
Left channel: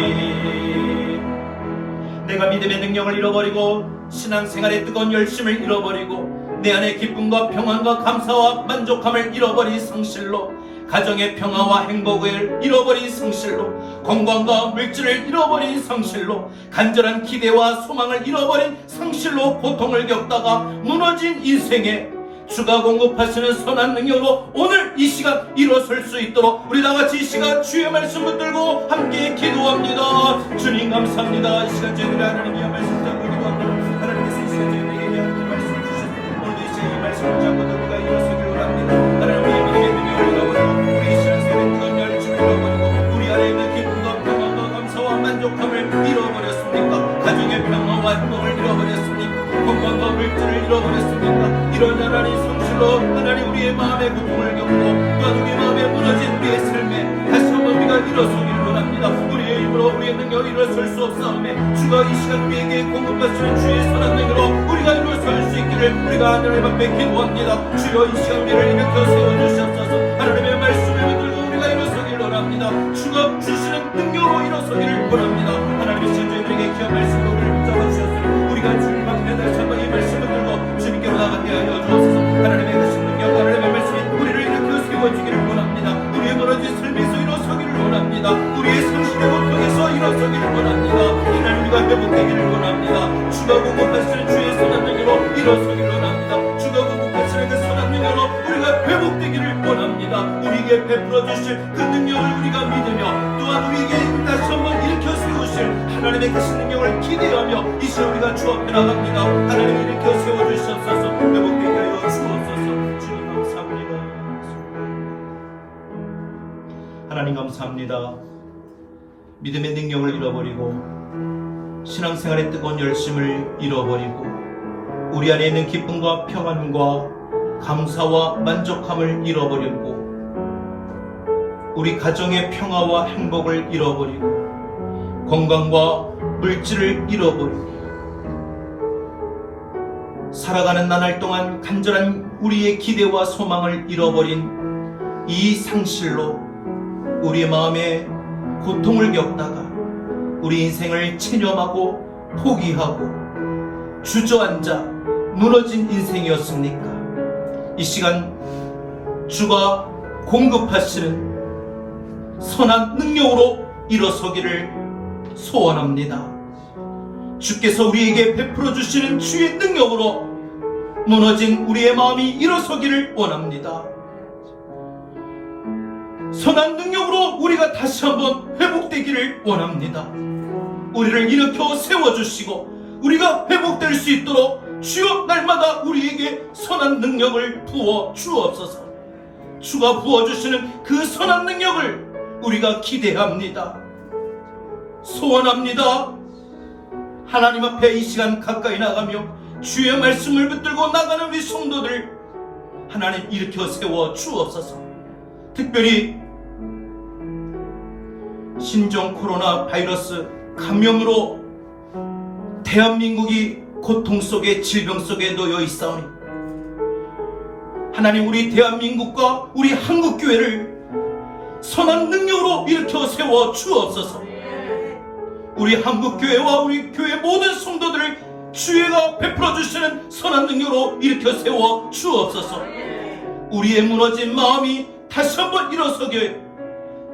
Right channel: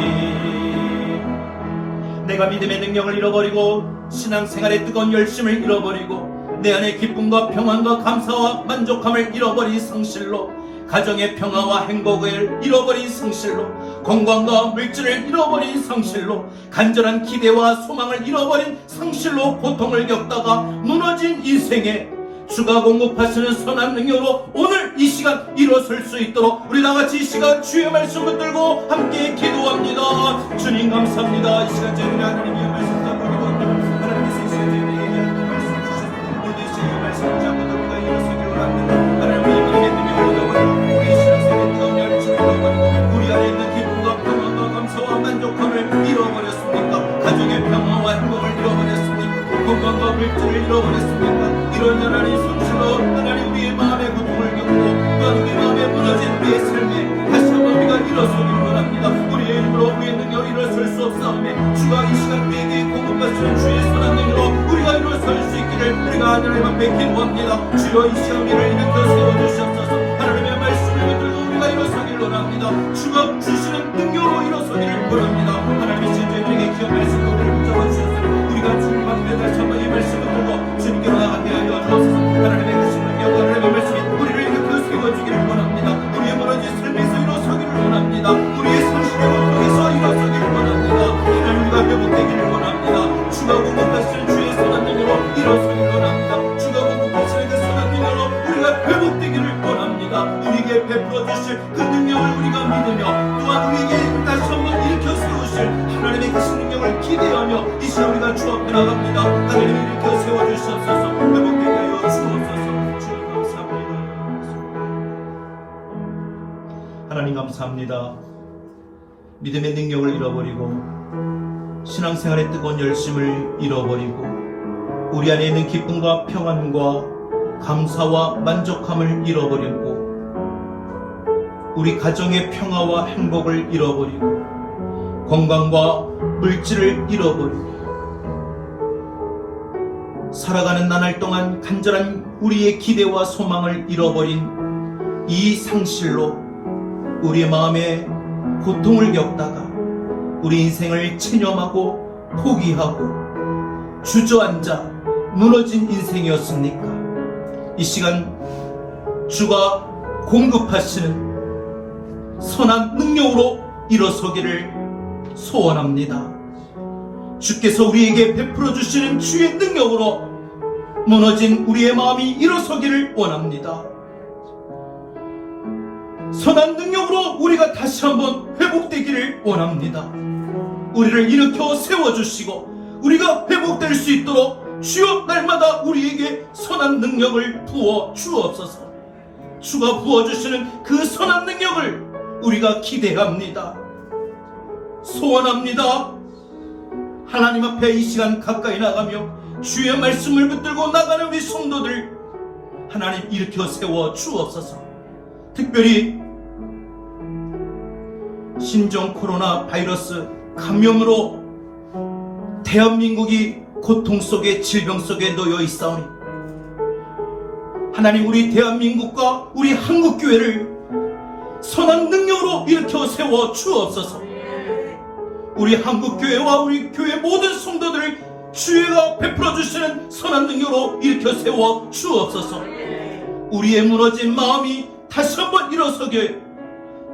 내가 믿음의 능력을 잃어버리고 신앙생활의 뜨거운 열심을 잃어버리고 내 안의 기쁨과 평안과 감사와 만족함을 잃어버린 상실로 가정의 평화와 행복을 잃어버린 상실로 건강과 물질을 잃어버린 상실로 간절한 기대와 소망을 잃어버린 상실로 고통을 겪다가 무너진 인생에 주가 공급하시는 선한 능력으로 오늘 이 시간 일어설 수 있도록 우리 다같이 이 시간 주의 말씀을 들고 함께 기도합니다. 주님 감사합니다. 이 시간 저희들이 하나님의 말씀 잡고 기도합니다. 하나님께서 이 시간 저희들에게 하나님의 말씀 주시고 오늘도 이 시간 이 말씀을 잡고 우리가 일어서기를 원합니다. 하나님의 믿음의 능력을 잃어버리고 우리 신앙생활의 뜨거운 열심을 잃어버리고 우리 안에 있는 기쁨과 평안과 감사와 만족함을 잃어버렸습니까? 가정의 평화와 행복을 잃어버렸습니까? 건강과 물질을 잃어버렸습니까? 이런 하나님 성실로 하나님 우리의 마음의 고통을 겪고 또 우리의 마음에 무너진 우리의 삶에 다시 한번 우리가 일어서기를 원합니다. 우리의 힘으로 우리의 능력으로 일어설 수 없사오매 주가 이 시간 우리에게 공급하시는 주의 선한 능력으로 우리가 일어설 수 있기를 우리가 하나님 앞에 기도합니다. 주여 이 시간 우리를 일으켜 세워주시옵소서. 하나님의 말씀을 붙들고 우리가 일어서기를 원합니다. 주가 주시는 능력으로 일어서기를 원합니다. 하나님 이 시간 저희들에게 귀한 말씀으로 우리를 붙잡아 주셨으니 우리가 주님 앞에 다시 한번 이 말씀을 들고 주님께로 나가게 하여 주옵소서. 하나님의 그 성령과 하나님의 말씀이 우리를 일으켜 세워주기를 원합니다. 우리의 무너진 삶에서 일어서기를 원합니다. 우리의 성실의 목적에서 일어서기를 원합니다. 하나님 우리가 회복되기를 원합니다. 주가 공급하시는 주의 선한 능력으로 일어서기를 원합니다. 주가 공급하시는 그 선한 능력으로 우리가 회복되기를 원합니다. 우리에게 베풀어 주실 그 능력을 우리가 믿으며 또한 우리에게 다시 한번 일으켜 세우실 하나님의 그 능력을 기대하며 이 시간 우리가 주 앞에 나갑니다. 하나님을 일으켜 세워주시옵소서. 회복되게 하여 주옵소서. 주님 감사합니다. 하나님 감사합니다. 믿음의 능력을 잃어버리고 신앙생활의 뜨거운 열심을 잃어버리고 우리 안에 있는 기쁨과 평안과 감사와 만족함을 잃어버리고 우리 가정의 평화와 행복을 잃어버리고 건강과 물질을 잃어버리고 살아가는 나날 동안 간절한 우리의 기대와 소망을 잃어버린 이 상실로 우리의 마음에 고통을 겪다가 우리 인생을 체념하고 포기하고 주저앉아 무너진 인생이었습니까? 이 시간 주가 공급하시는 선한 능력으로 일어서기를 소원합니다. 주께서 우리에게 베풀어 주시는 주의 능력으로 무너진 우리의 마음이 일어서기를 원합니다. 선한 능력으로 우리가 다시 한번 회복되기를 원합니다. 우리를 일으켜 세워주시고 우리가 회복될 수 있도록 주여 날마다 우리에게 선한 능력을 부어 주옵소서. 주가 부어주시는 그 선한 능력을 우리가 기대합니다. 소원합니다. 하나님 앞에 이 시간 가까이 나가며 주의 말씀을 붙들고 나가는 우리 성도들 하나님 일으켜 세워 주옵소서. 특별히 신종 코로나 바이러스 감염으로 대한민국이 고통 속에 질병 속에 놓여 있사오니 하나님, 우리 대한민국과 우리 한국교회를 선한 능력으로 일으켜 세워 주옵소서. 우리 한국교회와 우리 교회 모든 성도들을 주의가 베풀어 주시는 선한 능력으로 일으켜 세워 주옵소서. 우리의 무너진 마음이 다시 한번 일어서게,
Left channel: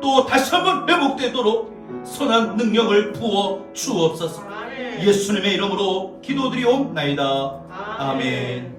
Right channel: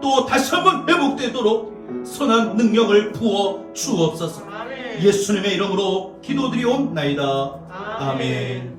또 다시 한번 회복되도록 선한 능력을 부어 주옵소서. 예수님의 이름으로 기도드리옵나이다. 아멘.